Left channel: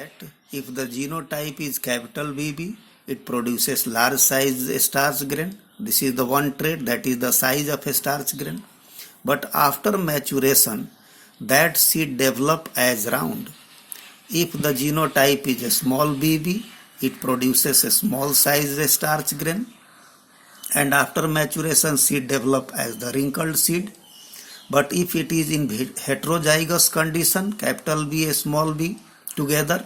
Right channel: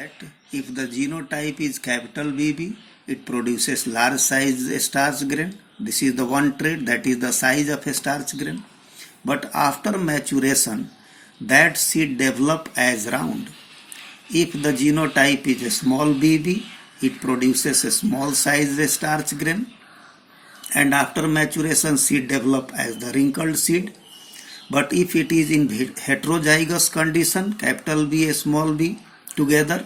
that if the genotype is capital BB, it produces large size starch grain. This is the one trait, that is the size of a starch grain. But after maturation, that seed develop as round. If the genotype is a small BB, it produces a small size starch grain. And after maturation, seed develop as the wrinkled seed. But if it is in heterozygous condition, capital B, small b together,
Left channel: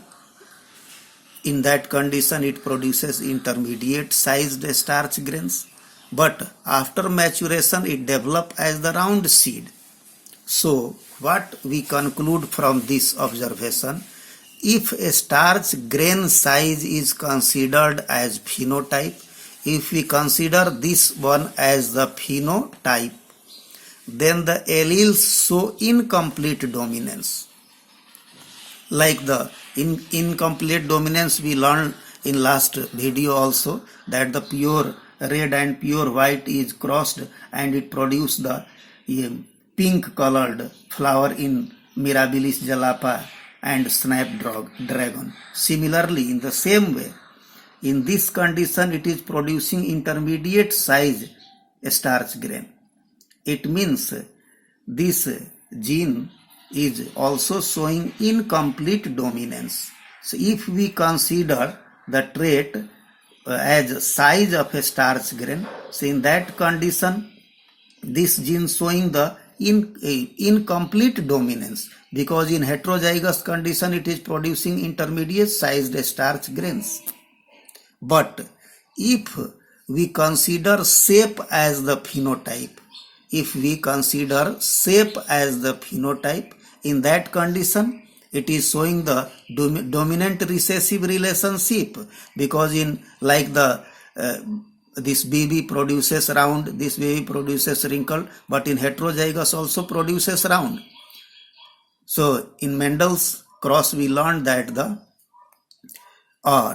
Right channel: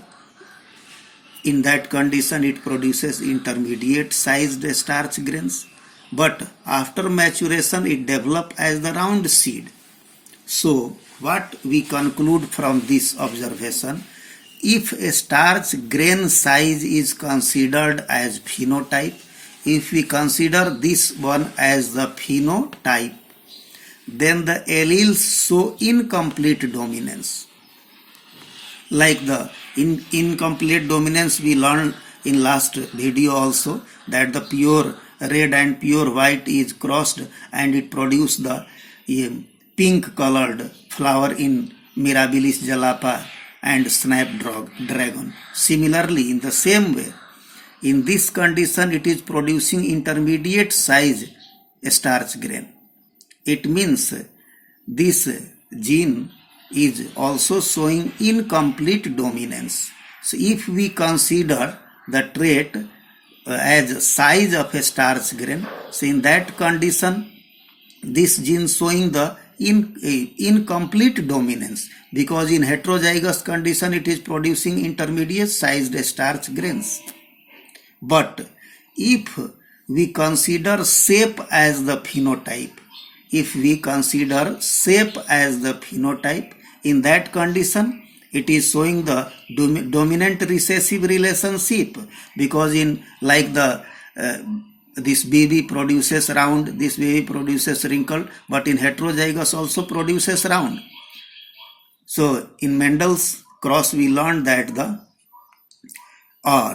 in that condition it produces intermediate sized starch grains. But after maturation, it develop as the round seed. So what we conclude from this observation, if a starch grain size is considered as phenotype, if we consider this one as the phenotype, then the alleles show incomplete dominance. Like the incomplete dominance we learned in last video also, that the pure red and pure white is crossed and it produces the pink colored flower in Mirabilis jalapa and snapdragon. Similarly, in the same way, in this condition it is producing intermediate size starch grain. It means this gene is also showing incomplete dominance. So if we consider the trait as size of a starch grain, so in that condition this gene showing the incomplete dominance, because in heterozygous condition it is producing intermediate sized starch grains. But if we consider shape as the phenotype, if we consider shape as the phenotype, in that condition it is showing the dominant recessive relationship, because in like the this BB produces round, this BB produces wrinkled, but in heterozygous also produces round. So in Mendel's cross we learned that the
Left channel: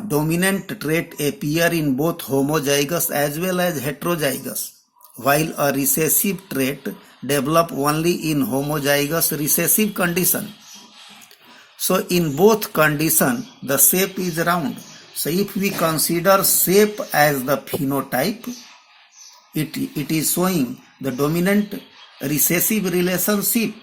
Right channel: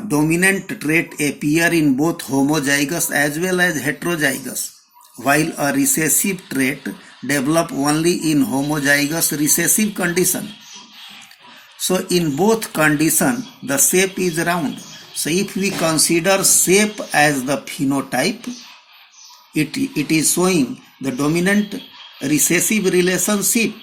dominant trait appear in both homozygous as well as heterozygous, while a recessive trait develop only in homozygous recessive condition. So in both condition the shape is round. So if we consider shape as the phenotype, it is showing the dominant recessive relationship.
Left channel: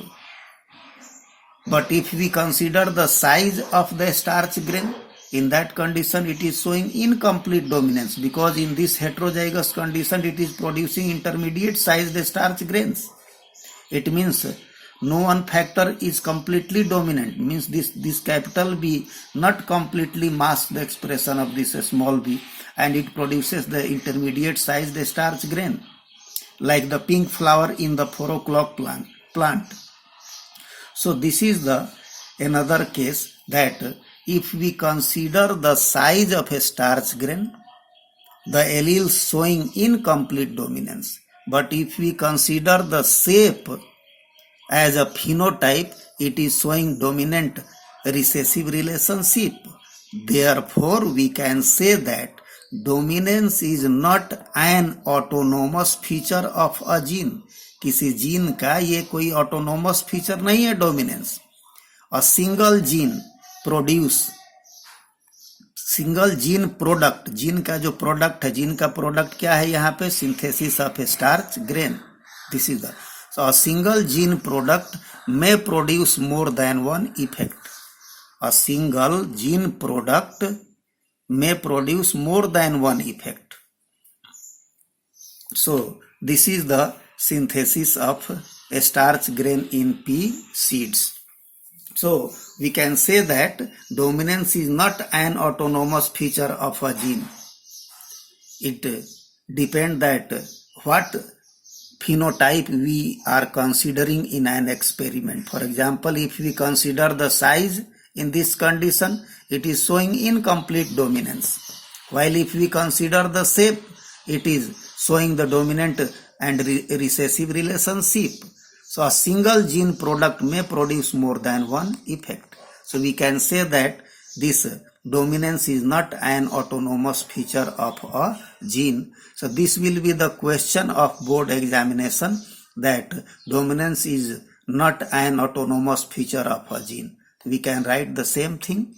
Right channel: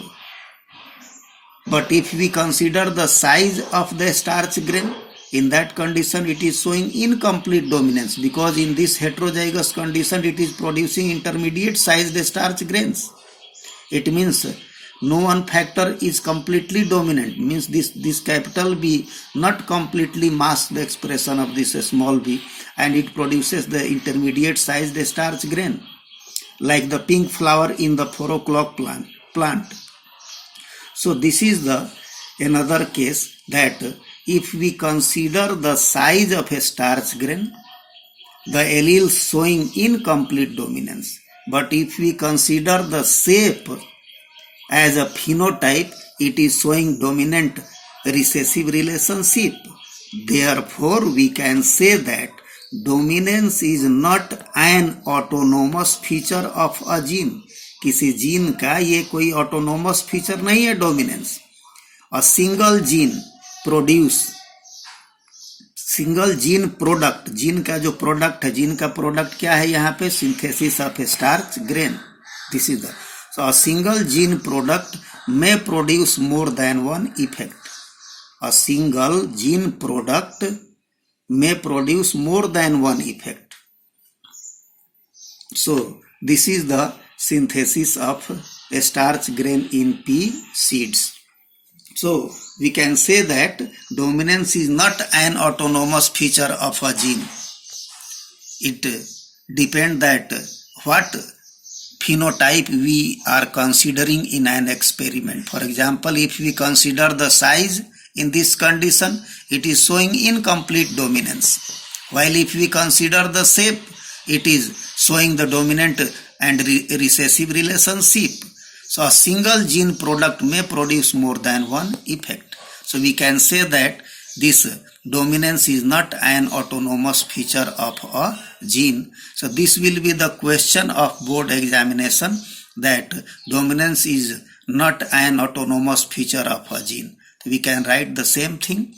But if we consider the size of the starch grain, in that condition it is showing incomplete dominance, because in this heterozygous condition it is producing intermediate sized starch grains. It means no one factor is completely dominant, means this capital B not completely masks the expression of this small b, and it produces the intermediate sized starch grain, like the pink flower in the 4 o'clock plant. So this is the another case, that if we consider the size of a starch grain, the alleles showing incomplete dominance. But if we consider the shape as a phenotype, it is showing dominant recessive relationship. Therefore, we can say that dominance is not an autonomous feature of a gene. किसी gene का ये कोई autonomous feature नहीं है dominance. A single gene produce, single gene product, gene का जो product है, gene का प्रोडक्ट क्या है यहाँ पे, synthesis of A starch grain. This is the, so a single gene product may produce more than one effect. A single gene product may produce more than one effect. So this is the synthesis of a starch grain in pea seeds. So we can say that dominance is not an autonomous feature of a gene. It depends that what phenotype we are considering in an experiment. For example, if we consider the size, in this condition it is showing incomplete dominance, while if we consider the shape, it is showing the dominant and recessive relationship. So a single gene product may produce more than one effect. So we can say that this dominance is not an autonomous feature of a gene. So this will be the question of board examination, that dominance is not an autonomous feature of a gene. We can write the same thing.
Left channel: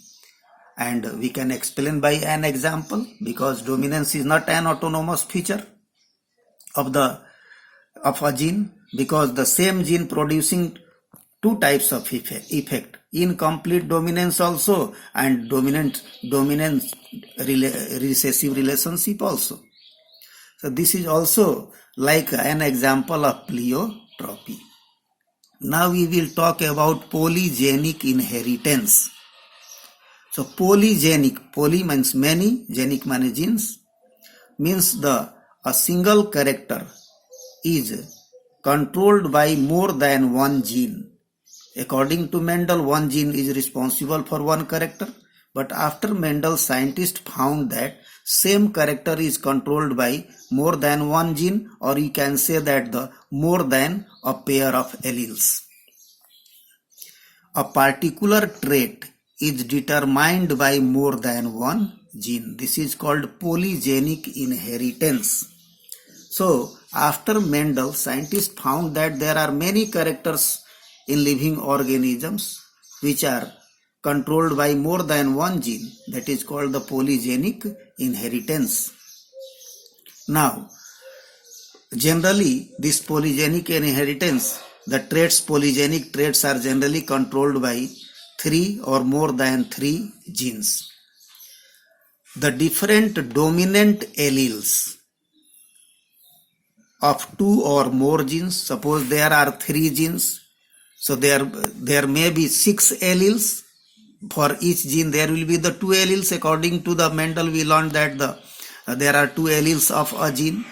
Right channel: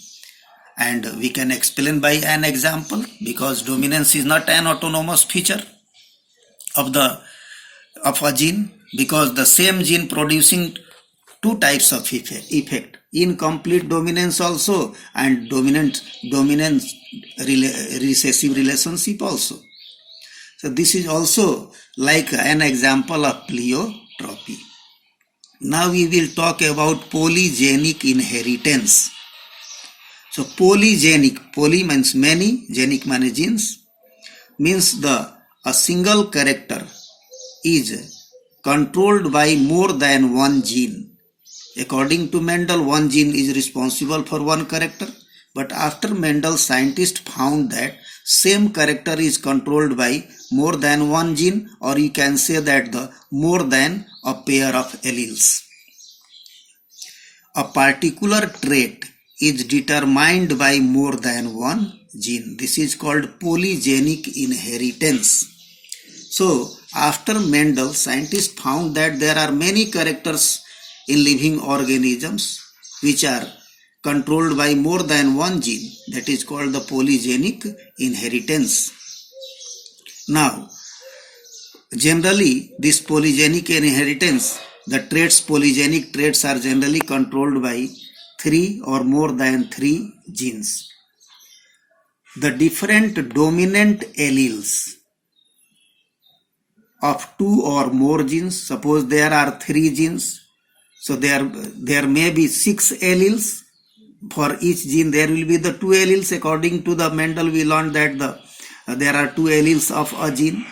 And we can explain by an example, because dominance is not an autonomous feature of a gene, because the same gene producing two types of effect, incomplete dominance also and dominance recessive relationship also. So this is also like an example of pleiotropy. Now we will talk about polygenic inheritance. So polygenic, poly means many, genic means genes, means a single character is controlled by more than one gene. According to Mendel, one gene is responsible for one character, but after Mendel, scientists found that same character is controlled by more than one gene, or you can say that the more than a pair of alleles. A particular trait is determined by more than one gene. This is called polygenic inheritance. So after Mendel, scientists found that there are many characters in living organisms which are controlled by more than one gene. That is called the polygenic inheritance. Now, generally this polygenic inheritance, the polygenic traits are generally controlled by 3 or more than 3 genes. The different dominant alleles of 2 or more genes, suppose there are 3 genes, so there may be 6 alleles. For each gene there will be the 2 alleles. According to the Mendel, we learned that there are 2 alleles of a gene.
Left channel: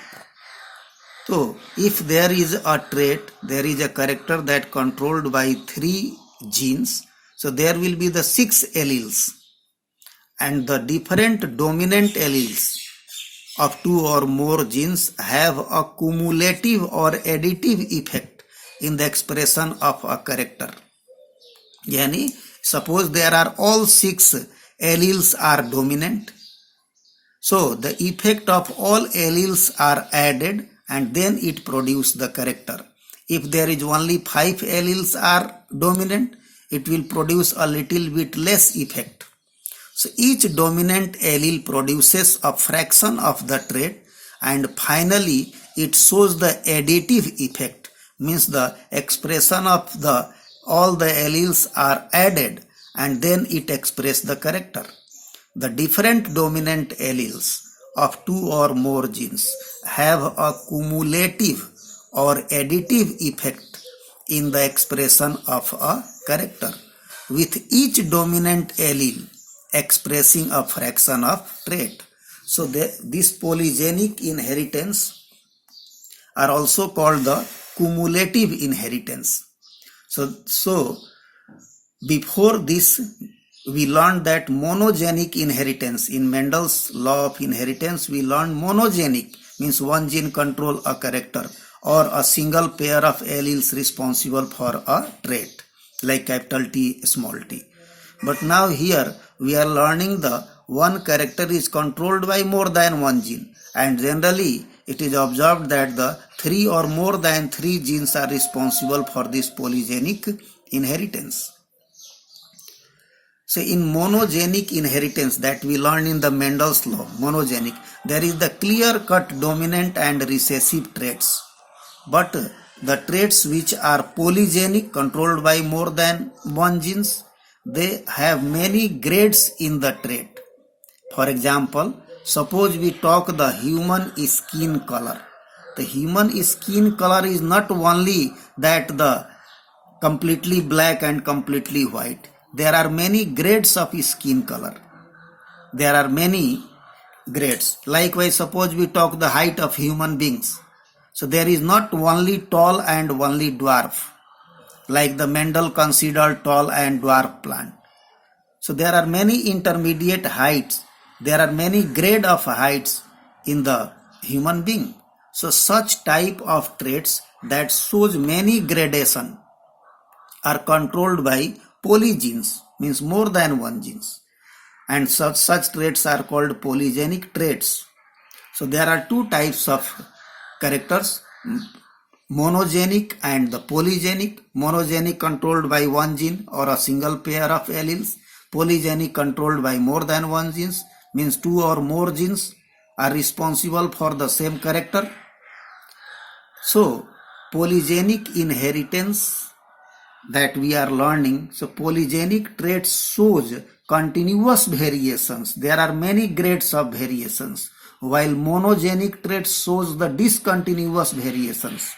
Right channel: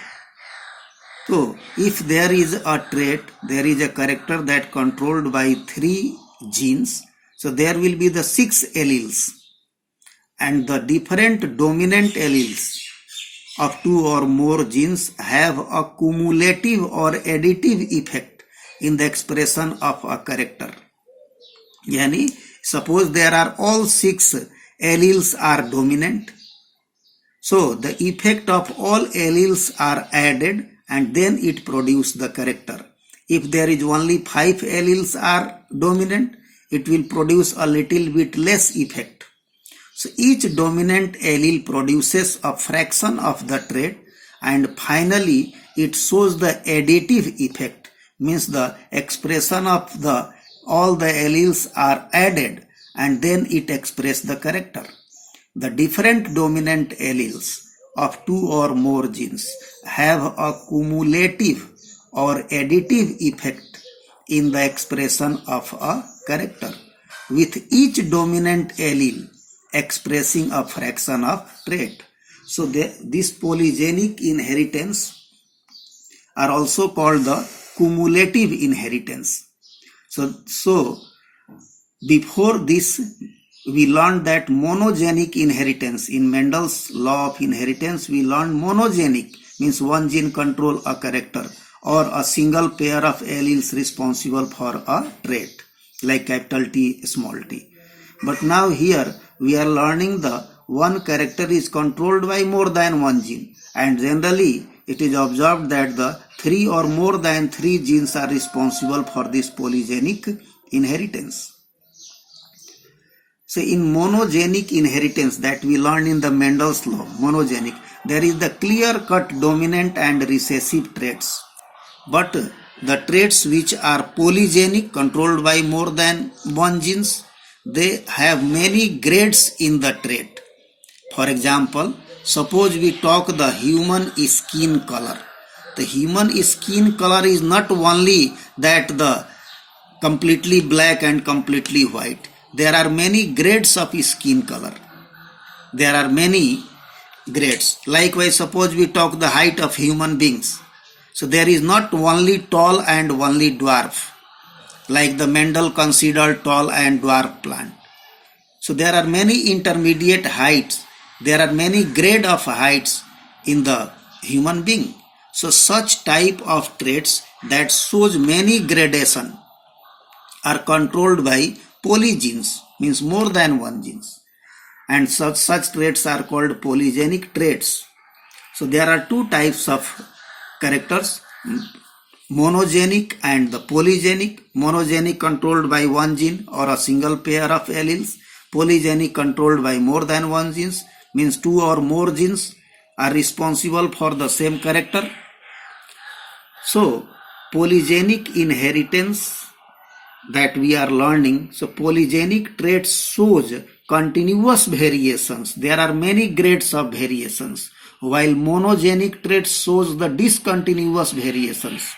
So if there is a trait, there is a character that controlled by 3 genes, so there will be the 6 alleles, and the different dominant alleles of 2 or more genes have a cumulative or additive effect in the expression of a character. Yani, suppose there are all 6 alleles are dominant, so the effect of all alleles are added and then it produces the character. If there is only 5 alleles are dominant, it will produce a little bit less effect. So each dominant allele produces a fraction of the trait, and finally it shows the additive effect, means the expression of all the alleles are added and then it expresses the character. The different dominant alleles of 2 or more genes have a cumulative or additive effect in the expression of a character, with each dominant allele expressing a fraction of trait. So this polygenic inheritance are also called the cumulative inheritance. So before this we learned that monogenic inheritance. In Mendel's law of inheritance, we learned monogenic means one gene control a character or a single pair of alleles responsible for a trait, like capital T, small t. But now here we are learning the one character is controlled by more than one gene, and generally it is observed that the 3 or more than 3 genes are responsible for this polygenic inheritance. So in monogenic inheritance that we learned in the Mendel's law, monogenic, there is the clear-cut dominant and recessive traits. But the traits which are polygenic, controlled by more than one genes, they have many grades in the trait. For example, suppose we talk the human skin color. The human skin color is not only that the completely black and completely white. There are many grades of skin color. There are many grades. Likewise, suppose we talk the height of human beings. So there is not only tall and only dwarf, like the Mendel considered tall and dwarf plant. So there are many intermediate heights. There are many grade of heights in the human being. So such type of traits that shows many gradation are controlled by polygenes, means more than one genes, and such traits are called polygenic traits. So there are 2 types of characters, monogenic and the polygenic. Monogenic controlled by one gene or a single pair of alleles. polygenic controlled by more than one genes, means two or more genes are responsible for the same character. So polygenic inheritance that we are learning, so polygenic traits shows continuous variations. There are many grades of variations, while monogenic traits shows the discontinuous variations,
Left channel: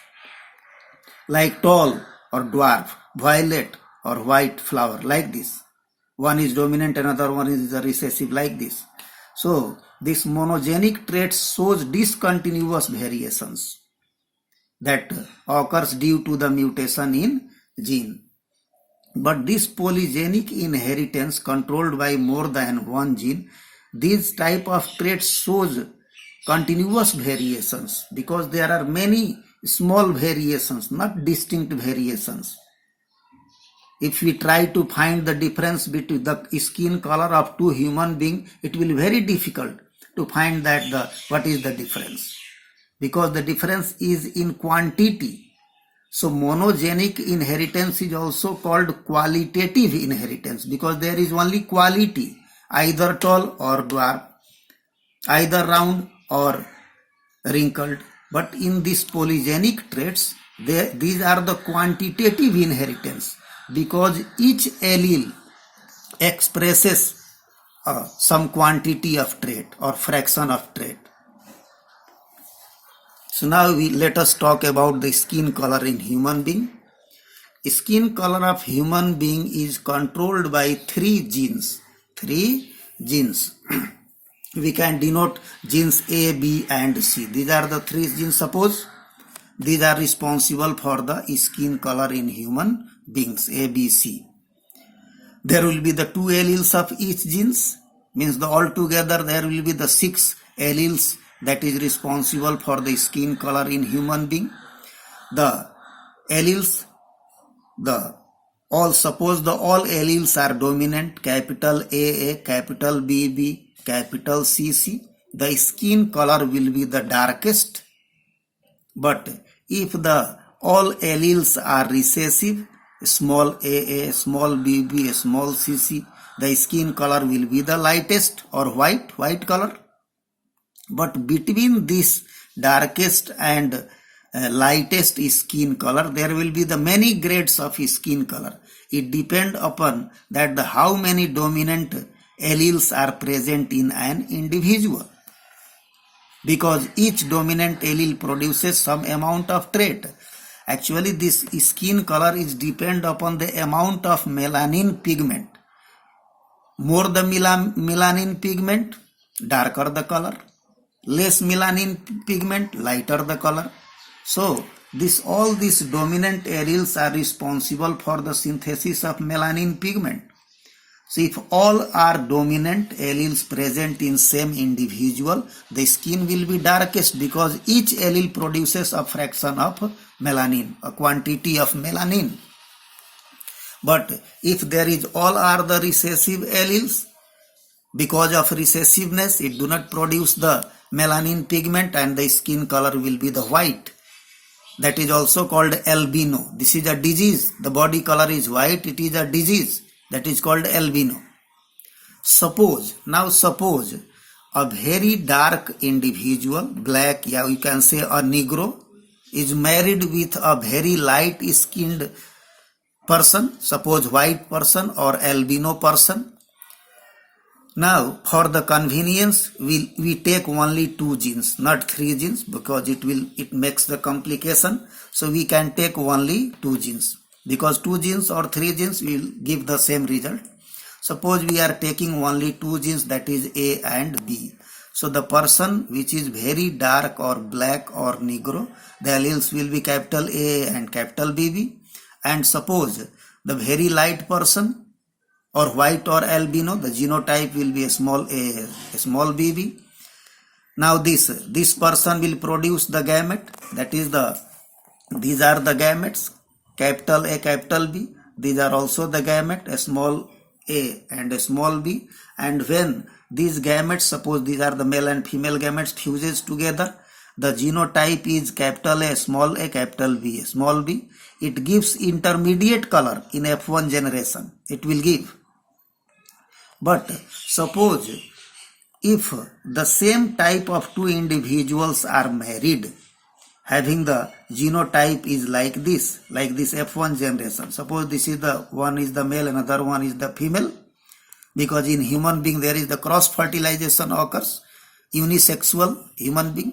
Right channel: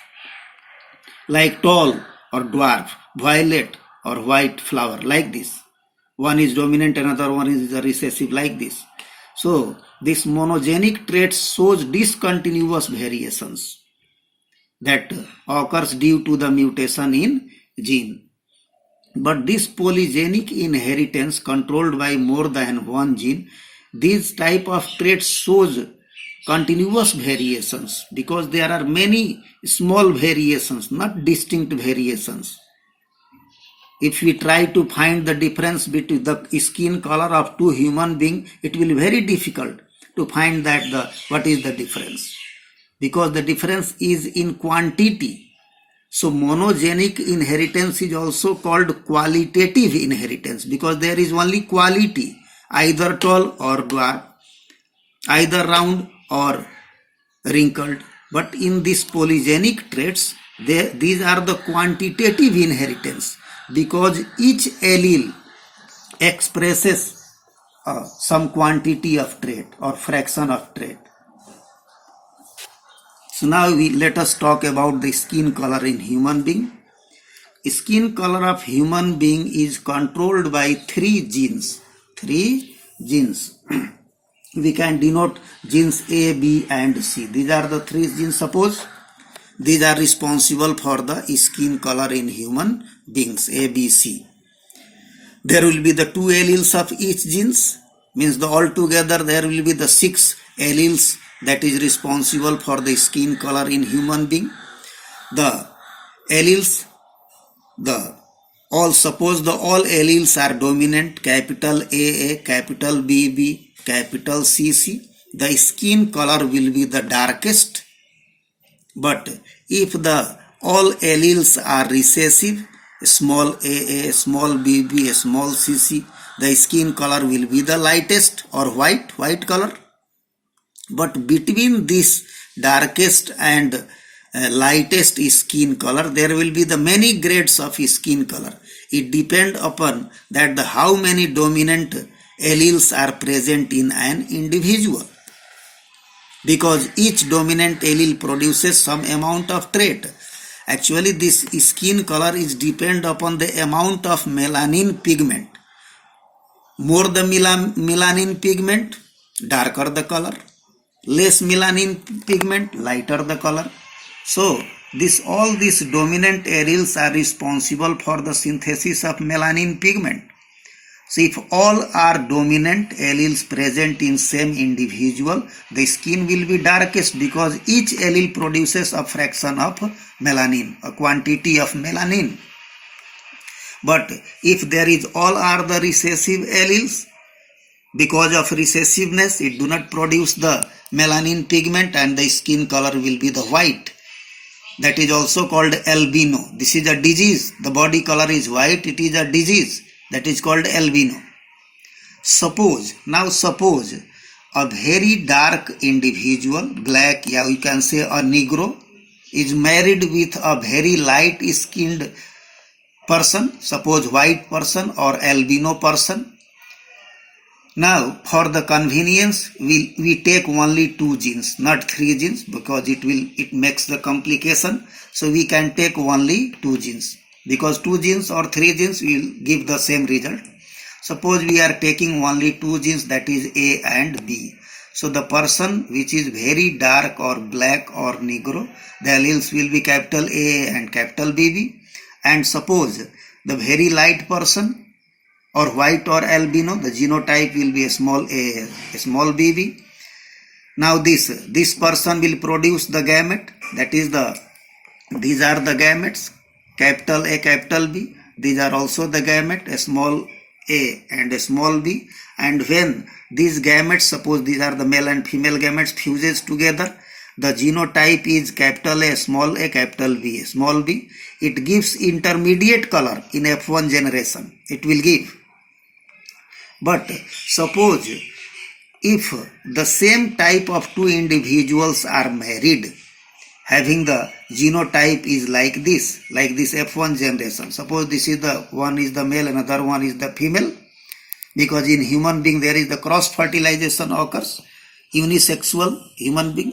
like tall or dwarf, violet or white flower, like this. One is dominant, another one is the recessive, like this. So this monogenic trait shows discontinuous variations that occurs due to the mutation in gene. But this polygenic inheritance controlled by more than one gene, these type of traits shows continuous variations, because there are many small variations, not distinct variations. If we try to find the difference between the skin color of two human beings, it will be very difficult to find that what is the difference, because the difference is in quantity. So monogenic inheritance is also called qualitative inheritance, because there is only quality, either tall or dwarf, either round or wrinkled. But in these polygenic traits, these are the quantitative inheritance, because each allele expresses some quantity of trait or fraction of trait. So now let us talk about the skin color in human being. Skin color of human being is controlled by three genes. We can denote genes A, B and C. These are the three genes. Suppose these are responsible for the skin color in human beings, A, B, C. There will be the two alleles of each genes, means altogether there will be the 6 alleles that is responsible for the skin color in human being. The alleles, suppose all alleles are dominant, capital A, capital B, capital C, the skin color will be the darkest. But if all alleles are recessive, small a, small b, small c, the skin color will be the lightest or white color. But between this darkest and lightest skin color, there will be the many grades of skin color. It depends upon that how many dominant alleles are present in an individual, because each dominant allele produces some amount of trait. Actually, this skin color is depend upon the amount of melanin pigment. More the melanin pigment, darker the color. Less melanin pigment, lighter the color. So all these dominant alleles are responsible for the synthesis of melanin pigment. So if all are dominant alleles present in same individual, the skin will be darkest, because each allele produces a fraction of melanin, a quantity of melanin. But if there is all are the recessive alleles, because of recessiveness, it do not produce the melanin pigment and the skin color will be the white. That is also called albino. This is a disease. The body color is white. It is a disease. That is called albino. Suppose a very dark individual, black, you can say a Negro, is married with a very light skinned person, suppose white person or albino person. Now for the convenience, we take only 2 genes, not 3 genes, because it makes the complication. So we can take only 2 genes, because 2 genes or 3 genes will give the same result. Suppose we are taking only 2 genes, that is A and B. So the person which is very dark or black or Negro, the alleles will be capital A and capital BB. And suppose the very light person or white or albino, the genotype will be a small a small bb. Now this person will produce the gamete, that is these are the gametes, capital A, capital B. These are also the gamete, a small a and a small b. And when these gametes, suppose these are the male and female gametes, fuses together, the genotype is capital A, capital B, small b. It gives intermediate color in F1 generation. It will give. But suppose if the same type of two individuals are married, having the genotype is like this F1 generation. Suppose this is the one is the male, another one is the female, because in human being there is the cross fertilization occurs, unisexual human being.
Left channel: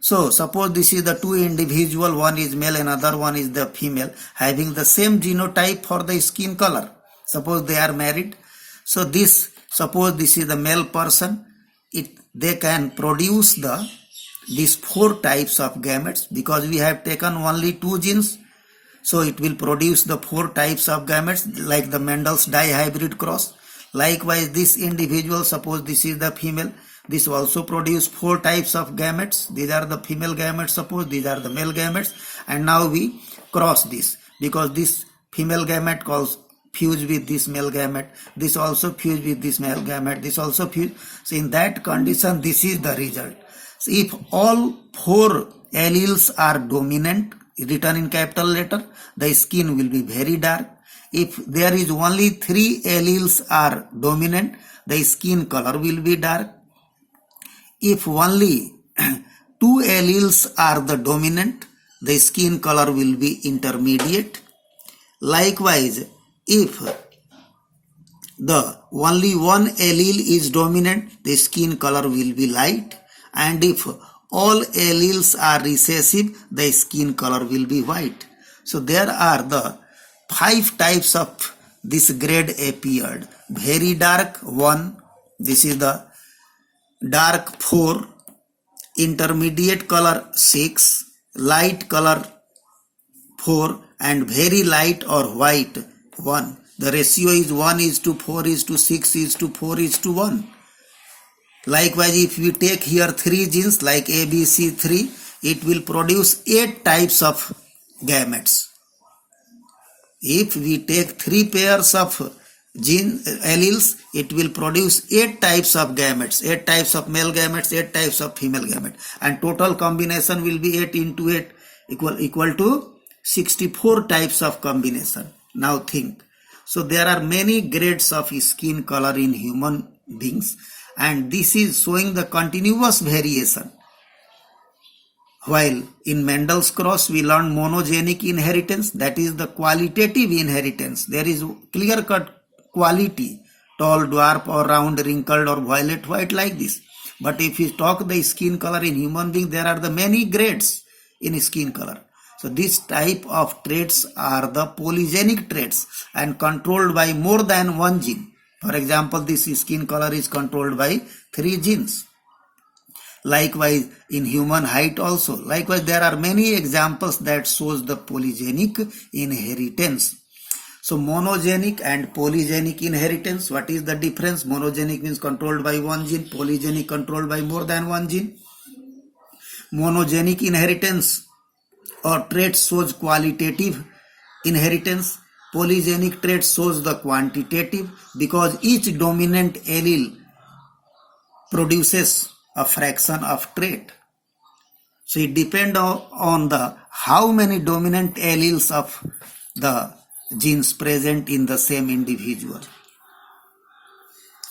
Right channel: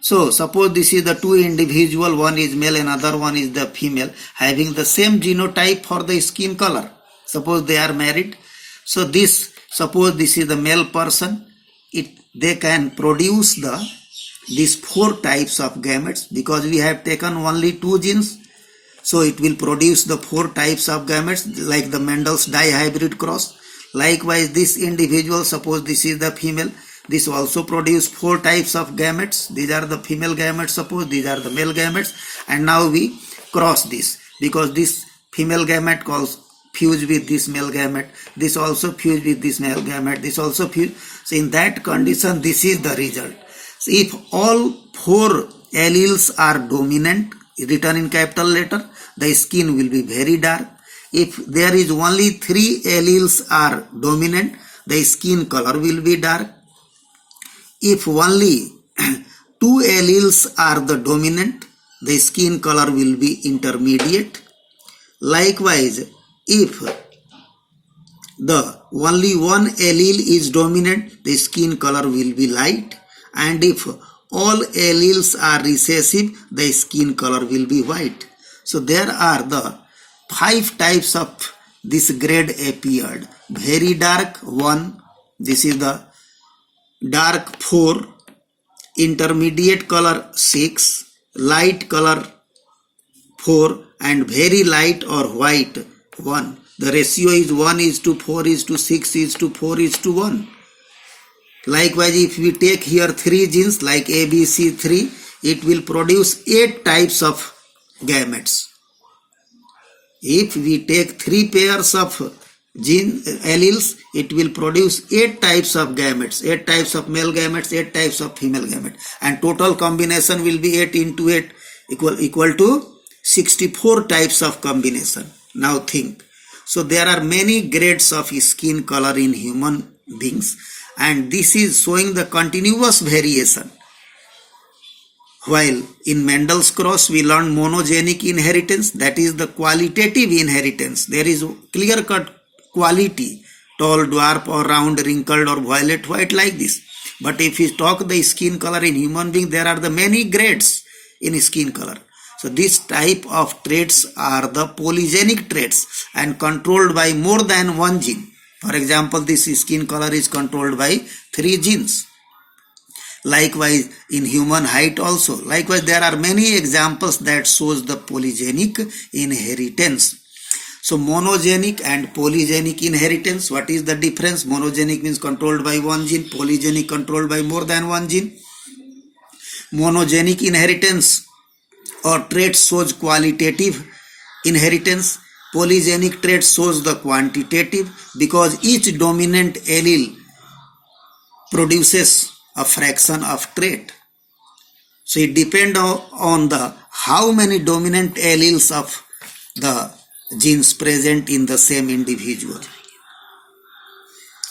So suppose this is the two individual, one is male, another one is the female, having the same genotype for the skin color. Suppose they are married. So suppose this is the male person, they can produce these four types of gametes, because we have taken only two genes. So it will produce the four types of gametes like the Mendel's dihybrid cross. Likewise, this individual, suppose this is the female, this also produce four types of gametes. These are the female gametes, suppose these are the male gametes, and now we cross this, because this female gamete fuse with this male gamete, this also fuse with this male gamete, this also fuse. So in that condition, this is the result. So if all four alleles are dominant, written in capital letter, the skin will be very dark. If there is only three alleles are dominant, the skin color will be dark. If only two alleles are the dominant, the skin color will be intermediate. Likewise, if the only one allele is dominant, the skin color will be light, and if all alleles are recessive, the skin color will be white. So there are the 5 types of this grade appeared. Very dark 1, this is the dark 4, intermediate color 6, light color 4, and very light or white 1. The ratio is 1:4:6:4:1. Likewise, if we take here 3 genes like ABC3, it will produce 8 types of gametes. If we take 3 pairs of gene alleles, it will produce 8 types of gametes, 8 types of male gametes, 8 types of female gametes, and total combination will be 8 into 8 equal to 64 types of combination. Now think. So there are many grades of skin color in human beings, and this is showing the continuous variation. While in Mendel's cross we learn monogenic inheritance, that is the qualitative inheritance. There is clear-cut quality, tall, dwarf, or round, wrinkled, or violet white like this. But if we talk the skin color in human being, there are the many grades in skin color. So this type of traits are the polygenic traits and controlled by more than one gene. For example, this skin color is controlled by 3 genes. Likewise, in human height also. Likewise, there are many examples that shows the polygenic inheritance. So monogenic and polygenic inheritance, what is the difference? Monogenic means controlled by one gene, polygenic controlled by more than one gene. Monogenic inheritance or trait shows qualitative inheritance. Polygenic trait shows the quantitative, because each dominant allele produces a fraction of trait. So it depends on the how many dominant alleles of the genes present in the same individual.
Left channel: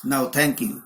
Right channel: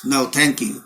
Now thank you.